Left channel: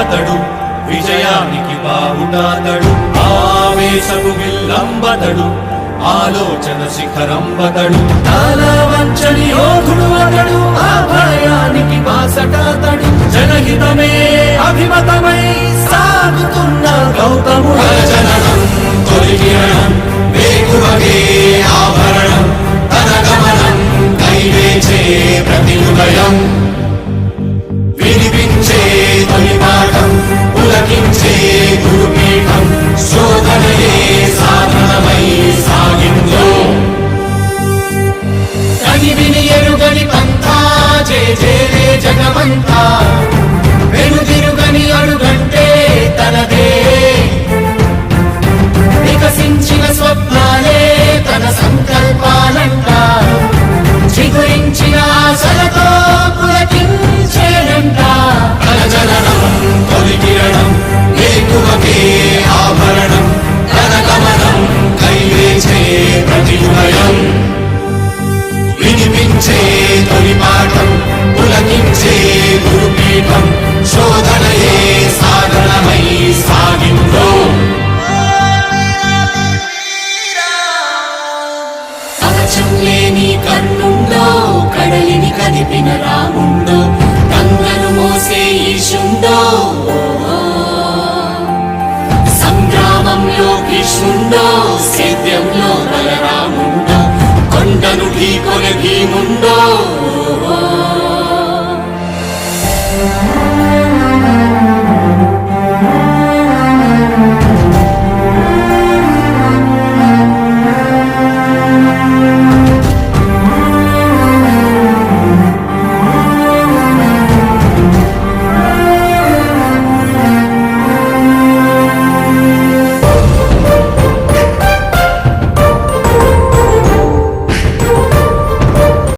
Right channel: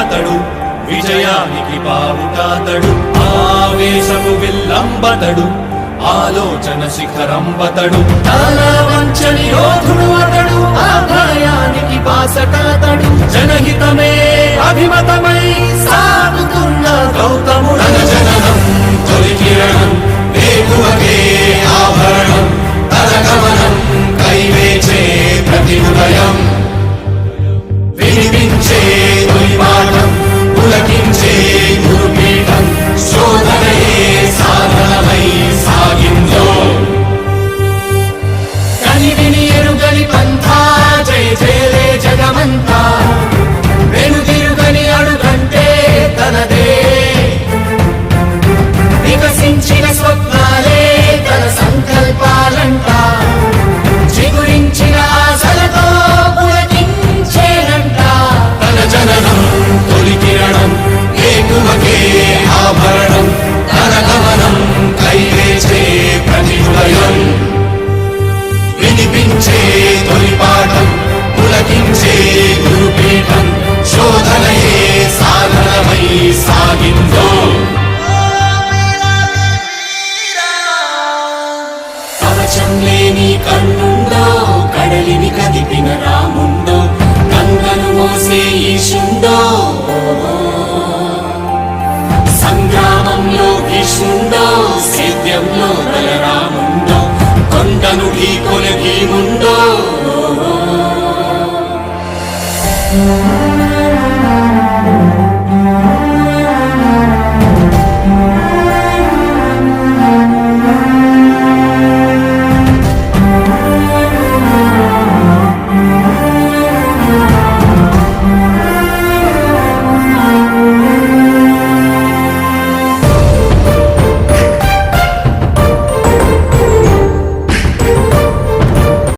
అతడు విజయానికి బావుటాతడు ఆవేశపు విల్లంబతడు ఆలోచన శిఖరంబతడు తల వంచని యోధుడు అతడు అభయానికి బాసటాతడు జనహితమే అభిమతమై సాగుతున్న గౌతముడు జననం తొలి కిరణం వేగువకే ఆభరణం తన గమనం కైవేచే ప్రతి ఉదయం వినిపించే తొలి పాఠం పులకించే గురుపీఠం శోధనయే సాధనమై సాగిందో కని విని ఎరుగని పంథా జయ జయలే జగమంతా వెనుదిరుగని అడుగంటే తనదే వికసించిన స్వప్నాలే తన సంకల్పాలంట చిగురించిన ఆశలతో పులకించేనంట తన జననం తొలి కిరణం వేకువకే ఆభరణం తన గమనం కైవేచే ప్రతి ఉదయం వినిపించే తొలి పాఠం పులకించే గురుపీఠం శోధనయే సాధనమై సాగిందో కవచం లేని కన్నుండో కడలిని కదిపిన రాముండో గంగను మోసే ఈశుండో సంగ్రామంలో భీష్ముండో సేద్యంలో బలరాముండో కొండను ఢీకొనే భీముండో